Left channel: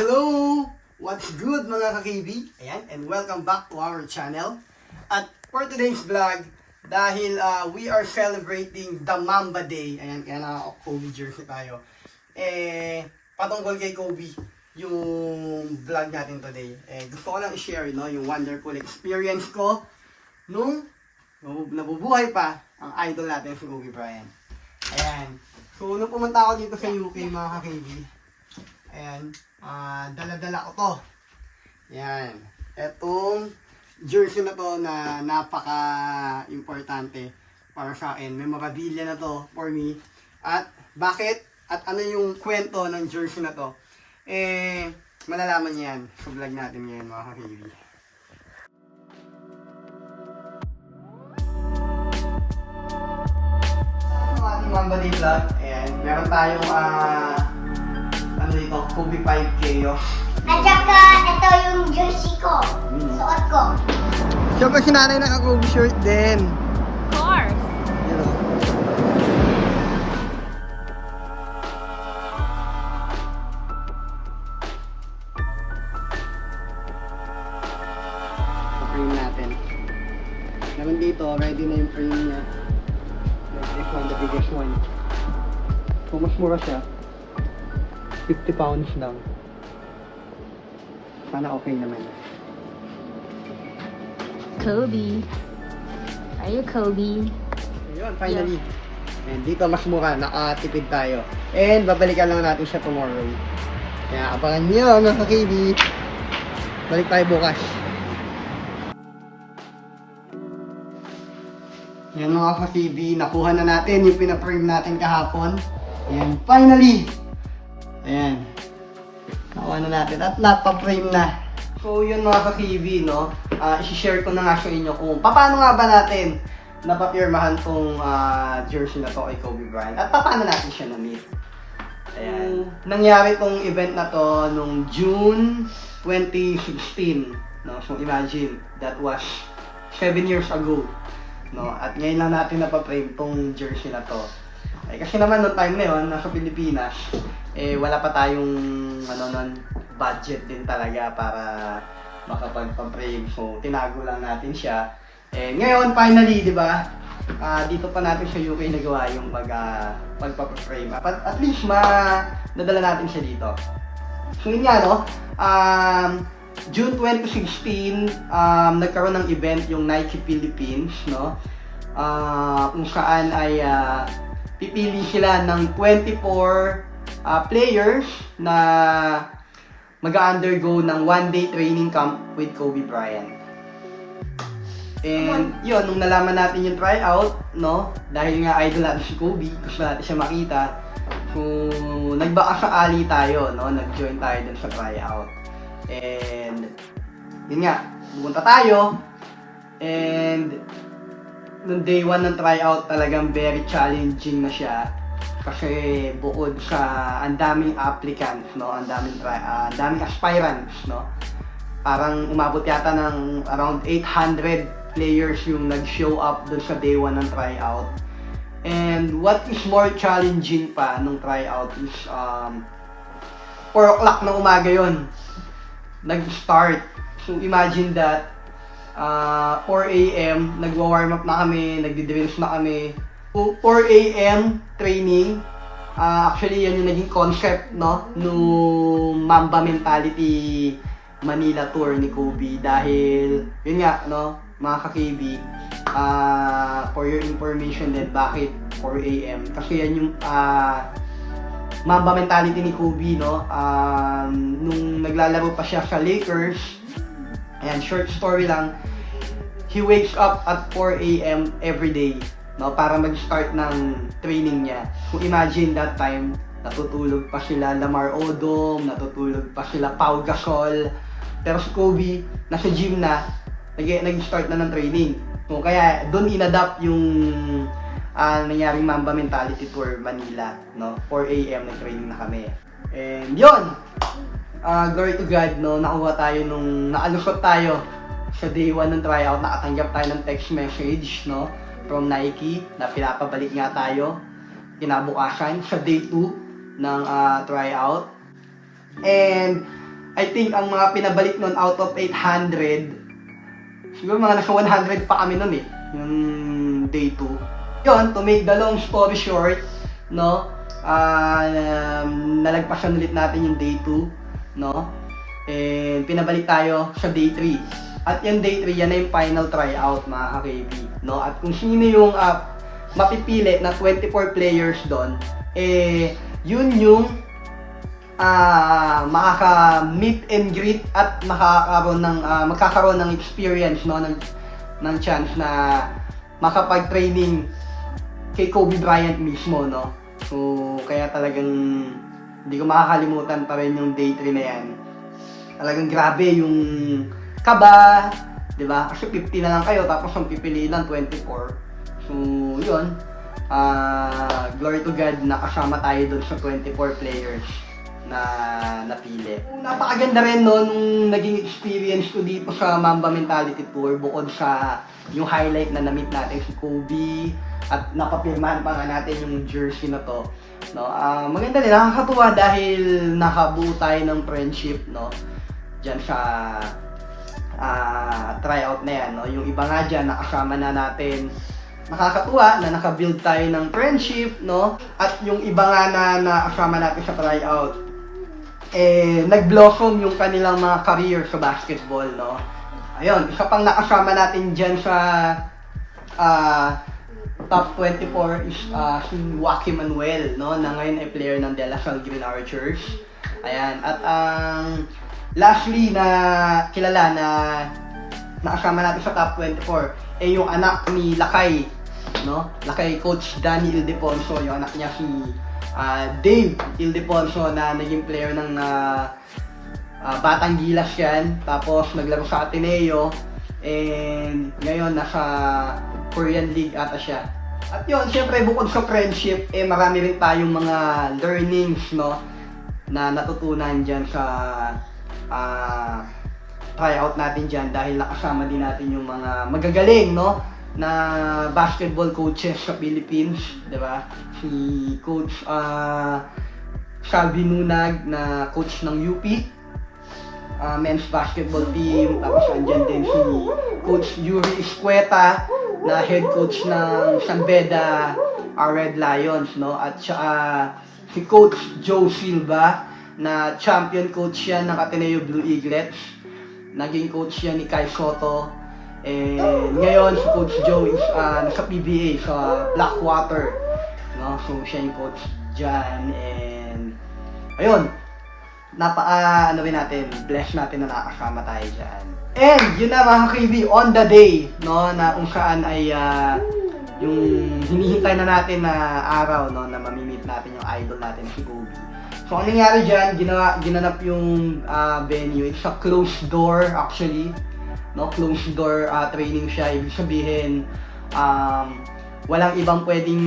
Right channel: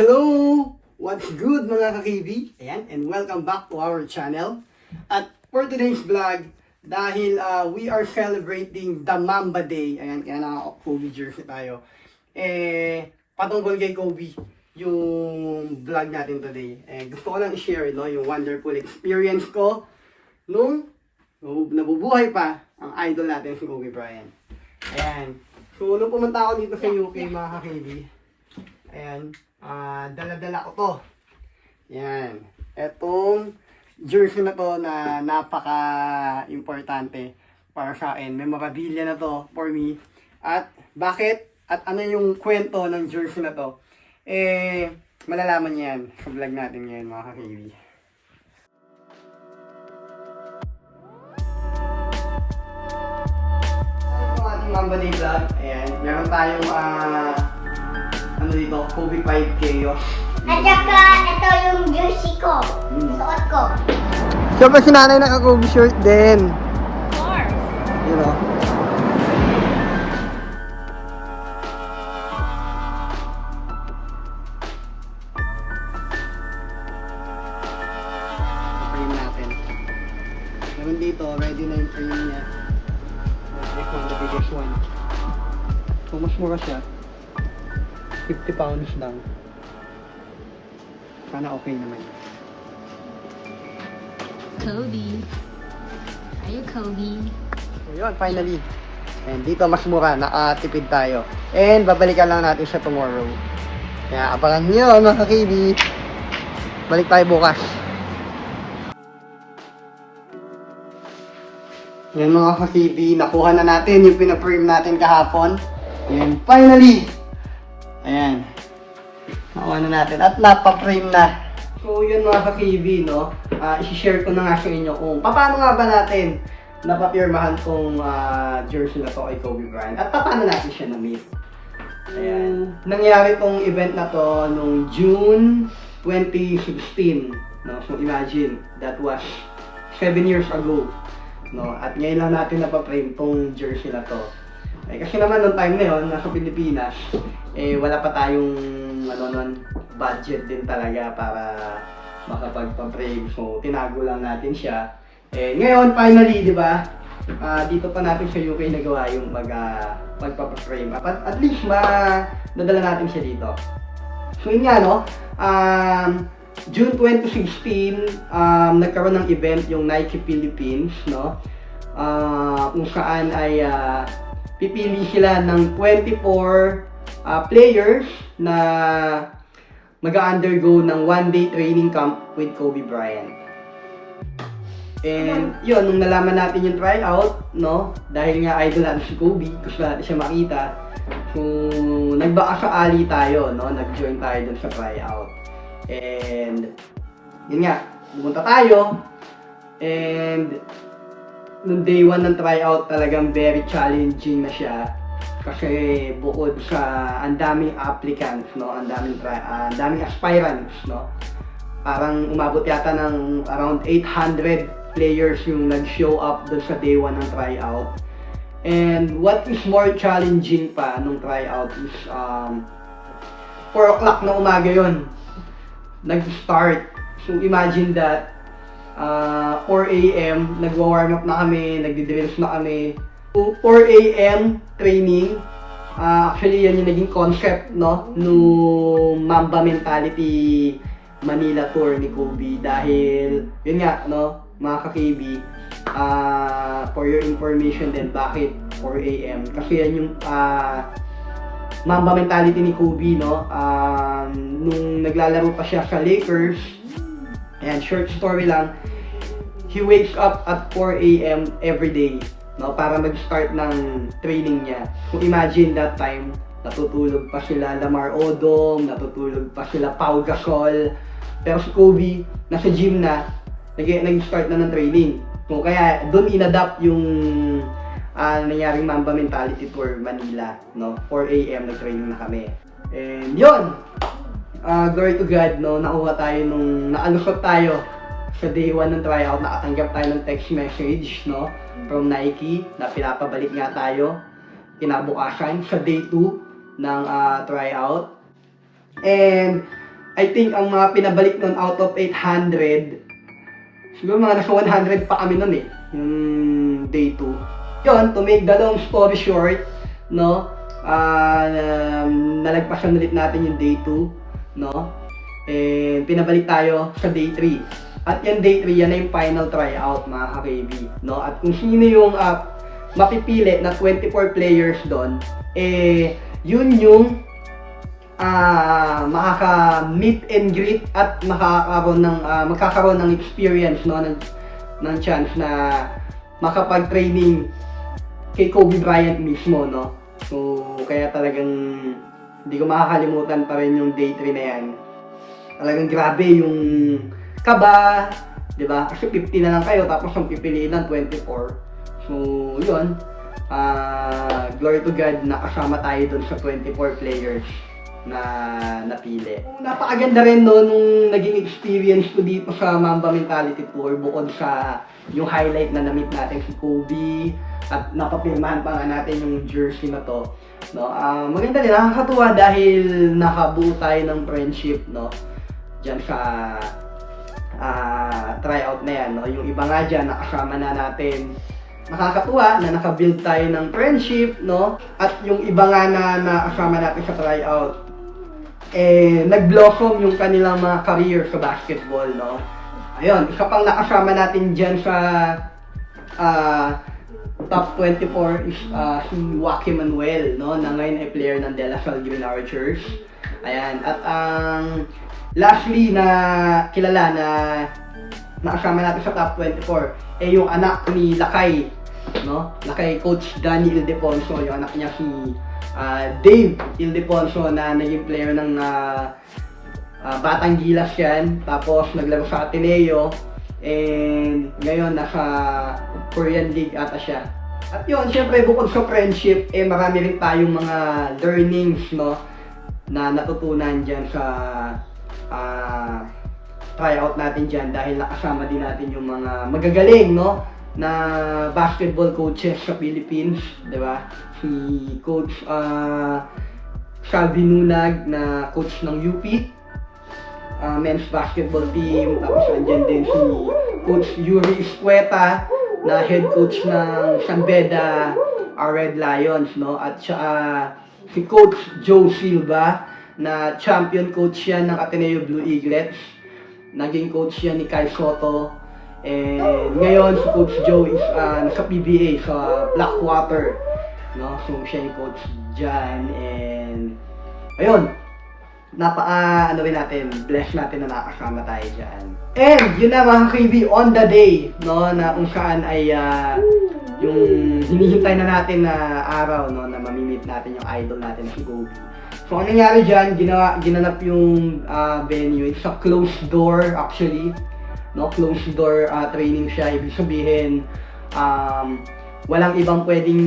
Hello! What's good mga ka-KB? Ayan, and welcome back to our channel. At for today's vlog, dahil uh, we are celebrating the Mamba Day, ayan, kaya naka-Kobe jersey tayo, eh, patungkol kay Kobe, yung vlog natin today. Eh, gusto ko lang i-share, no, yung wonderful experience ko nung nabu- nabubuhay pa ang idol natin si Kobe Bryant. Ayan. So, nung pumunta ako dito sa UK, mga ka-KB, Ayan. ah dala-dala ko to. Yan. Etong jersey na to na napaka-importante para sa akin. Memorabilia na to for me. At bakit? At ano yung kwento ng jersey na to? Eh, malalaman niyo yan sa vlog natin ngayon mga kakili. Sa ating Mamba Day Vlog, ayan, meron tayong ah, ano dito, Kobe 5K oh. At saka, ito yung jersey ko. Suot ko. Siyempre si nanay naka-Kobe shirt din. Of course. Yun o. frame natin. Meron dito, ready na yung frame niya. This one, the biggest one. So, mas mura siya. 50 pounds lang. Sana okay naman. Kobe. Are you Kobe? So, yun, finally. And dito mas mura, nakatipid tayo. And babalikan lang natin siya tomorrow. Kaya abangan nyo mga kakibi. Balik tayo bukas. Yan mga kakibi, nakuha na natin yung pinaprame natin kahapon. Yan, finally! Ayan. Nakuha na natin at napaprame na. So yun mga kakibi, no? Ah, isi-share ko na nga sa inyo kung paano nga ba natin napapirmahan tong ah, jersey na to kay Kobe Bryant at paano natin siya na-meet. Ayan. Nangyari tong event na to nung June 2016. No? So imagine, that was 7 years ago. No? At ngayon lang natin napaprame tong jersey na to. Ay, kasi naman nung time na yun, nasa Pilipinas, eh wala pa tayong ano nun, budget din talaga para makapagpa-frame. So, tinago lang natin siya. Eh, ngayon, finally, di ba, ah, dito pa natin sa UK nagawa yung pag, uh, pagpapa-frame. At, at least, ma nadala natin siya dito. So, yun nga, no? Um, June 2016, um, nagkaroon ng event yung Nike Philippines, no? Ah, kung saan ay ah, pipili sila ng 24 ah, players na mag-undergo ng one-day training camp with Kobe Bryant. And yun, nung nalaman natin yung tryout, no, dahil nga idol natin si Kobe, gusto natin siya makita, so nagbaka sa ali tayo, no, nag-join tayo dun sa tryout. And yun nga, pumunta tayo, and nung day one ng tryout talagang very challenging na siya. Kasi bukod sa ang daming applicants no? Ang daming ah, ang daming aspirants no? Parang umabot yata ng around 800 players yung nag-show up dun sa day one ng tryout. And what is more challenging pa nung tryout is um 4 o'clock na umaga yon nag-start. So imagine that Ah, 4 a.m. nagwa-warm up na kami, nagdi-drills na kami. 4 a.m. training. Ah, actually, yan yung naging concept, no? Nung Mamba Mentality Manila Tour ni Kobe. Dahil, yun nga, no? Mga ka-KB, ah, for your information din, bakit 4 a.m. Kasi yan yung ah, Mamba mentality ni Kobe, no? Um, nung naglalaro pa siya sa Lakers, and short story lang, he wakes up at 4 a.m. every day, no? Para mag-start ng training niya. So imagine that time, natutulog pa sila Lamar Odom, natutulog pa sila Pau Gasol. Pero si Kobe, nasa gym na, nag- nag-start na ng training. Kung kaya, doon inadapt yung ah nangyari Mamba Mentality for Manila, no? 4 a.m. na training na kami. And yun! Ah, glory to God, no? Nakuha tayo nung, naalusot tayo sa day 1 ng tryout, nakatanggap tayo ng text message, no? From Nike, na pinapabalik nga tayo kinabukasan sa day 2 ng ah, tryout. And I think ang mga pinabalik nun out of 800, siguro mga nasa 100 pa kami nun eh, yung day 2. Yun, to make the long story short, no, ah, um, nalagpasan ulit natin yung day 2, no, and pinabalik tayo sa day 3. At yan day 3, yan na yung final tryout mga ka-KB, no, at kung sino yung ah, mapipili na 24 players doon, eh, yun yung ah makaka-meet and greet at makakaroon ng ah, magkakaroon ng experience no ng ng chance na makapag-training kay Kobe Bryant mismo no. So kaya talagang hindi ko makakalimutan pa rin yung day 3 na yan. Talagang grabe yung kaba, 'di ba? Kasi 50 na lang kayo tapos ang pipiliin ng 24. So, yun. Ah, glory to God na kasama tayo doon sa 24 players na napili. Napakaganda rin no nung naging experience ko dito sa Mamba Mentality Tour bukod sa yung highlight na na-meet natin si Kobe at napapirmahan pa nga natin yung jersey na to. No, ah maganda din nakakatuwa dahil nakabuo tayo ng friendship no diyan sa ah tryout na yan no. Yung iba nga diyan nakasama na natin nakakatuwa na nakabuild tayo ng friendship, no? At yung iba nga na nakasama natin sa tryout, eh, nag-blossom yung kanilang mga career sa basketball, no? Ayun, isa pang nakasama natin dyan sa ah, top 24 is ah, si Joaquin Manuel, no? Na ngayon ay player ng De La Salle Archers. Ayan, at ang lastly na kilala na nakasama natin sa top 24 eh yung anak ni Lakay no Lakay coach Danny Ildefonso yung anak niya si ah, Dave Ildefonso na naging player ng ah, ah, Batang Gilas yan tapos naglaro sa Ateneo and ngayon nasa Korean League ata siya at yun, syempre bukod sa friendship, eh marami rin tayong mga learnings, no, na natutunan dyan sa ah tryout natin dyan dahil nakasama din natin yung mga magagaling, no? na basketball coaches sa Philippines, 'di ba? Si Coach ah Salvi Nunag na coach ng UP, ah, men's basketball team, tapos andyan din si Coach Yuri Escueta na head coach ng San Beda ah, Red Lions, no? At saka si Coach Joe Silva na champion coach yan ng Ateneo Blue Eaglets. Naging coach yan ni Kai Soto. And ngayon si Coach Joe is ah, nasa PBA sa Blackwater. No? So siya yung coach dyan. And ayun, napaka ano rin natin, blessed natin na nakasama tayo dyan. And yun na mga KB, on the day, no, na kung saan ay ah, yung hinihintay na natin na araw, no, na mamimit natin yung idol natin na si Kobe. So, ang nangyari dyan, gina, ginanap yung ah, venue, it's a closed door actually, no, closed door ah, training siya, ibig sabihin, um, walang ibang pwedeng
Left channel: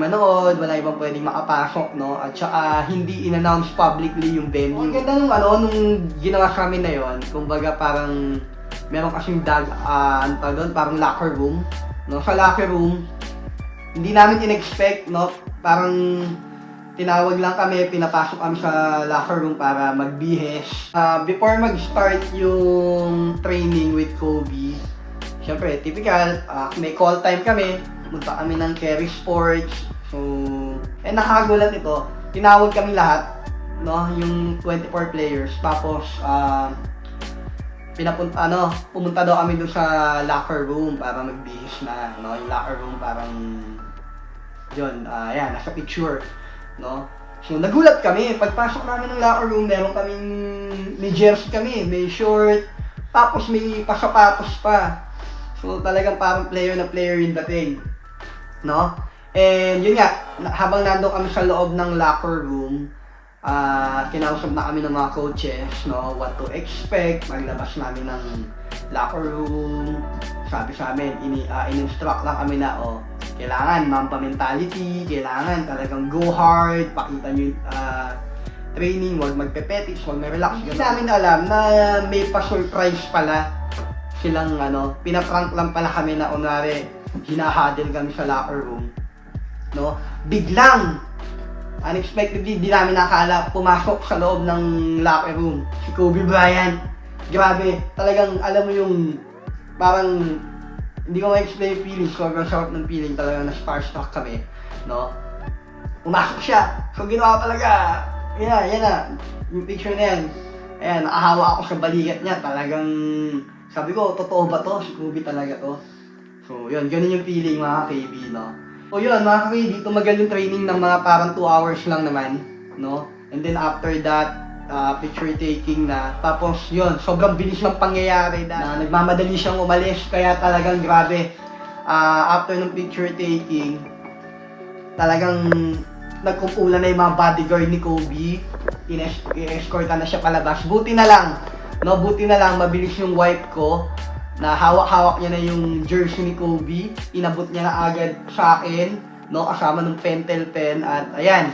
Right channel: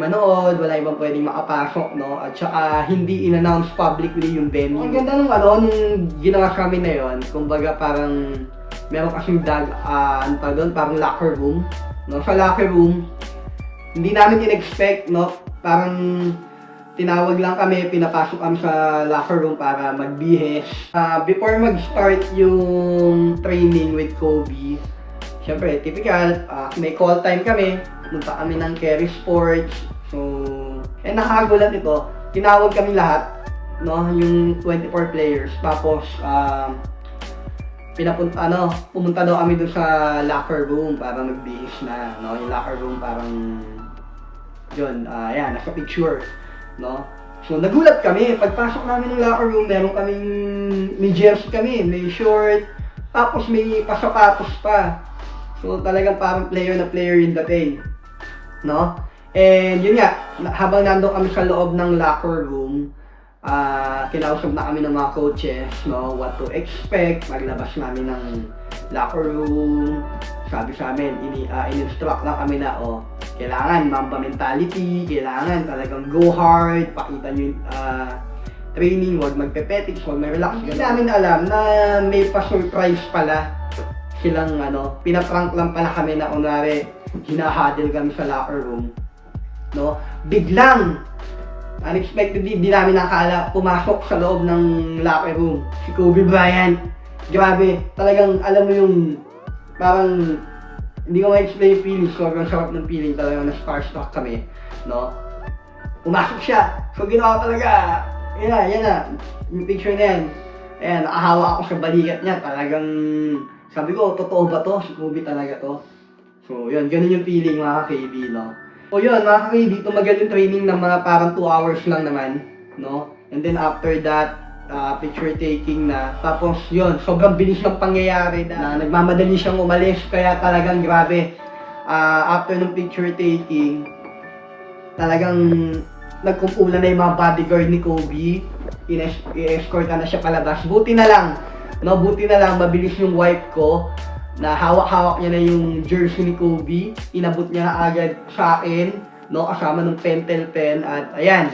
manood, walang ibang pwedeng makapasok, no? At saka hindi in-announce publicly yung venue. Ang ganda nung ano, nung ginawa sa na yon, kumbaga parang meron kasing dag, ah, ano tawag doon, parang locker room, no? Sa locker room, hindi namin in-expect, no? Parang tinawag lang kami, pinapasok kami sa locker room para magbihes. Ah, before mag-start yung training with Kobe, Siyempre, typical, ah, may call time kami, punta kami ng Kerry Sports. So, eh nakagulan ito, tinawag kami lahat, no, yung 24 players. Tapos, um, pinapunta, ano, pumunta daw kami doon sa locker room para magbihis na, no, yung locker room parang, yun, ah, yan, nasa picture, no. So, nagulat kami, pagpasok namin ng locker room, meron kaming, may jersey kami, may short, tapos may pasapatos pa. So talagang parang player na player yung dating. No? And yun nga, habang nando kami sa loob ng locker room, ah kinausap na kami ng mga coaches, no, what to expect, maglabas namin ng locker room, sabi sa amin, ini, ah, in-instruct lang kami na, oh, kailangan mamba mentality, kailangan talagang go hard, pakita nyo ah, training, huwag magpepetics, huwag may-relax. Hindi namin alam na may pa-surprise pala silang ano, pinaprank lang pala kami na kunwari hinahadel kami sa locker room. No? Biglang unexpectedly, di namin nakala, pumasok sa loob ng locker room, si Kobe Bryant. Grabe, talagang alam mo yung, parang, hindi ko ma-explain yung feeling, sobrang sarap ng feeling talaga na starstruck kami, no? Pumasok siya, so ginawa talaga, yan na, yan na, yung picture na yan, ayan, nakahawa ako sa balikat niya, talagang, sabi ko, totoo ba to? Kobe talaga to? So, yun, ganun yung feeling mga ka-KB, no? O yun, mga ka-KB, tumagal yung training ng mga parang 2 hours lang naman, no? And then after that, ah, picture taking na. Tapos yun, sobrang bilis ng pangyayari na, na nagmamadali siyang umalis, kaya talagang grabe. Ah, after ng picture taking, talagang nagkumpulan na yung mga bodyguard ni Kobe. Ines- I-escortan na siya palabas. Buti na lang, no, buti na lang, mabilis yung wipe ko na hawak-hawak niya na yung jersey ni Kobe. Inabot niya na agad sa akin, no, kasama ng pentel pen at ayan.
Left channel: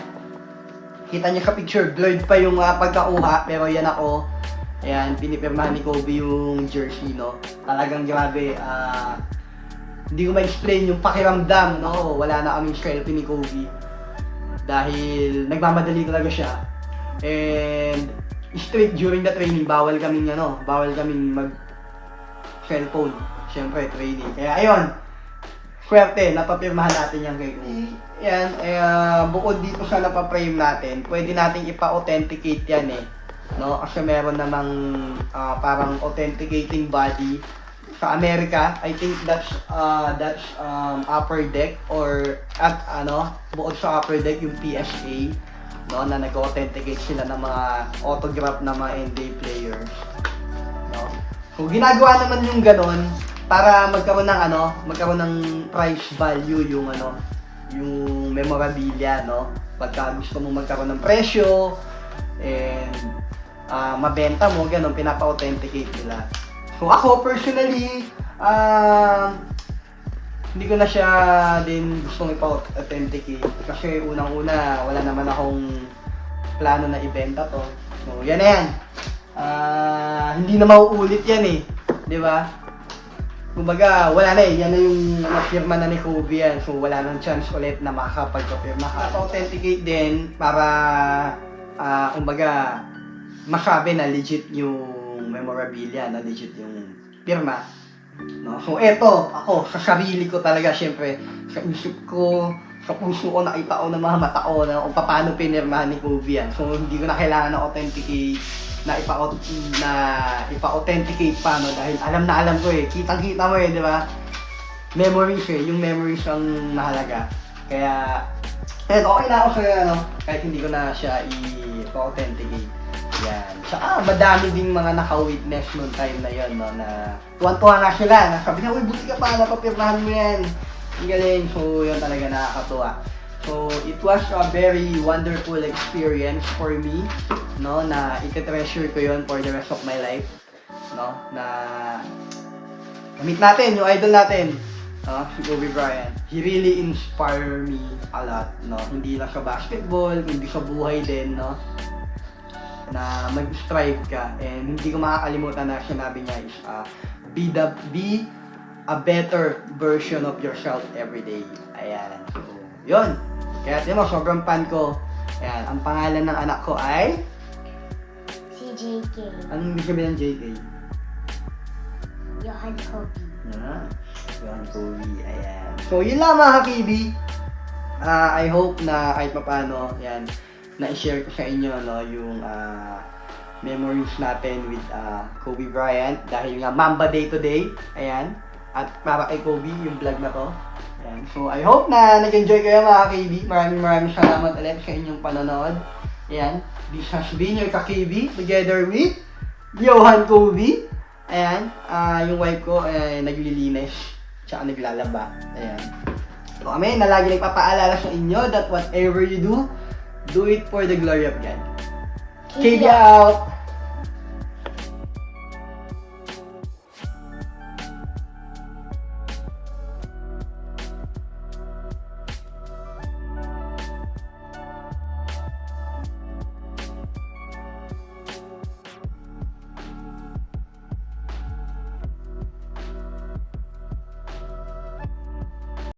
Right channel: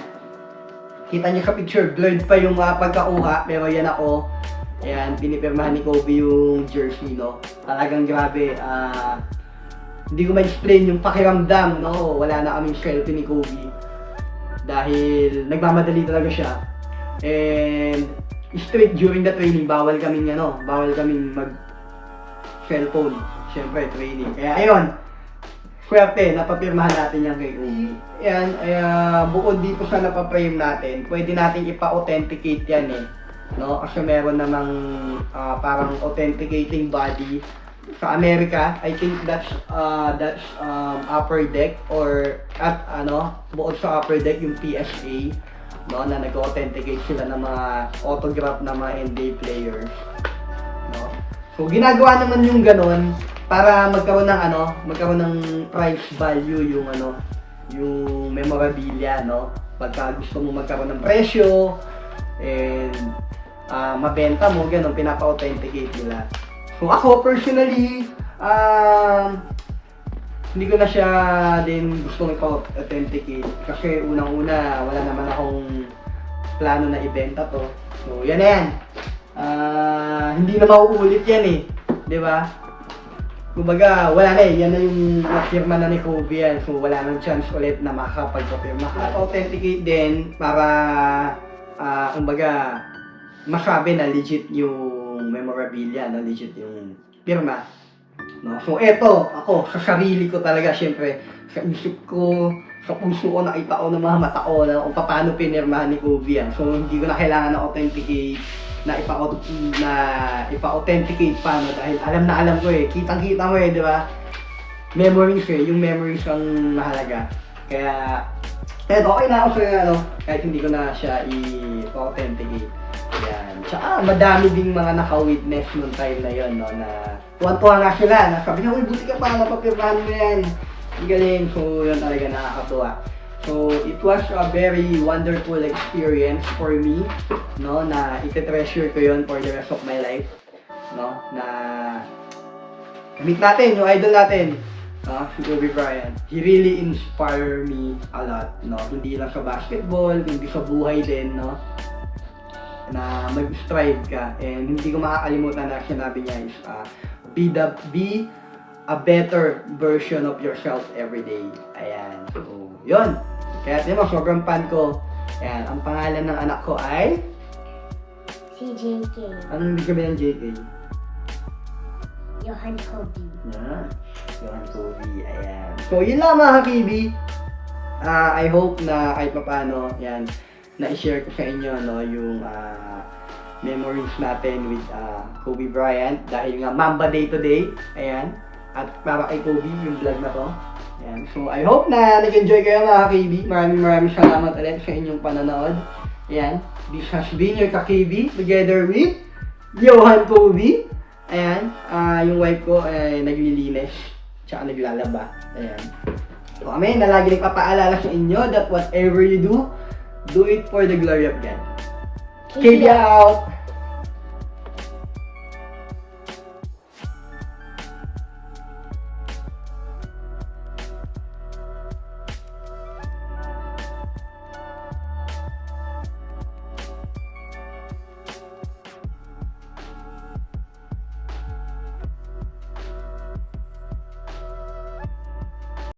Kita niyo sa picture, blurred pa yung uh, pagkakuha, pero yan ako. Ayan, pinipirmahan ni Kobe yung jersey, no. Talagang grabe, ah, hindi ko ma-explain yung pakiramdam, no. Wala na kaming selfie ni Kobe. Dahil nagmamadali talaga siya. And straight during the training, bawal kaming ano, bawal kaming mag cellphone. Siyempre, training. Kaya ayun, swerte, napapirmahan natin yung kay Kobe. Ayan, uh, bukod dito sa napaprame natin, pwede natin ipa-authenticate yan eh. No? Kasi meron namang ah, parang authenticating body sa Amerika, I think that's uh, that's um, upper deck or at ano, bukod sa upper deck yung PSA no na nag-authenticate sila ng mga autograph ng mga NBA players. No? So ginagawa naman yung ganun para magkaroon ng ano, magkaroon ng price value yung ano, yung memorabilia, no? Pagka gusto mo magkaroon ng presyo and ah, mabenta mo, ganun, pinapa-authenticate nila. So ako personally, um, hindi ko na siya din gusto ipa-authenticate kasi unang-una wala naman akong plano na ibenta to. So yan na yan. Ah, hindi na mauulit yan eh. 'Di ba? Kumbaga, wala na eh. Yan na yung firma na ni Kobe yan. So, wala nang chance ulit na makakapagpapirma ka. Authenticate din para, ah, kumbaga, masabi na legit yung memorabilia, no? legit yung firma. No? So, eto, ako, sa sarili ko talaga, syempre, sa isip ko, sa puso ko, nakita ko ng mga mata ko na kung paano pinirmahan ni Kobe yan. So, hindi ko na kailangan na authenticate na ipa na ipa-authenticate pa no dahil alam na alam ko eh kitang-kita mo eh di ba memories eh yung memories ang nahalaga kaya eh okay na ako sa ano kahit hindi ko na siya i-authenticate. Yan. Tsaka madami din mga naka-witness nung time na yon no na tuwan-tuwa na sila na sabi na uy buti ka pa napapirmahan mo yan. Ang so yun talaga nakakatuwa. So, it was a very wonderful experience for me, no, na ite-treasure ko yon for the rest of my life, no, na meet natin, yung idol natin, no, si Kobe Bryant. He really inspired me a lot, no, hindi lang sa basketball, kundi sa buhay din, no, na mag-strive ka. And hindi ko makakalimutan na sinabi niya is, uh, be the, be a better version of yourself every day. Ayan. So, yun. Kaya tingnan mo, sobrang fan ko. Ayan, ang pangalan ng anak ko ay... Si JK. Anong ibig sabihin ng JK? Johan Kobe. Na, yan, Kobe. Ayan. So, yun lang mga kakibi. Ah, I hope na kahit papano, yan, na-share ko sa inyo, no, yung ah, memories natin with ah, Kobe Bryant. Dahil nga, Mamba Day today. Ayan. At para kay Kobe, yung vlog na to. Ayan. So, I hope na nag-enjoy kayo mga kakibi. Maraming maraming salamat ulit sa inyong panonood. Ayan. This has been your kakibi together with Johan Kobe. Ayan, ah yung wife ko ay naglilinis, tsaka naglalaba. Ayan. So kami na lagi nagpapaalala sa inyo that whatever you do, do it for the glory of God. Check out!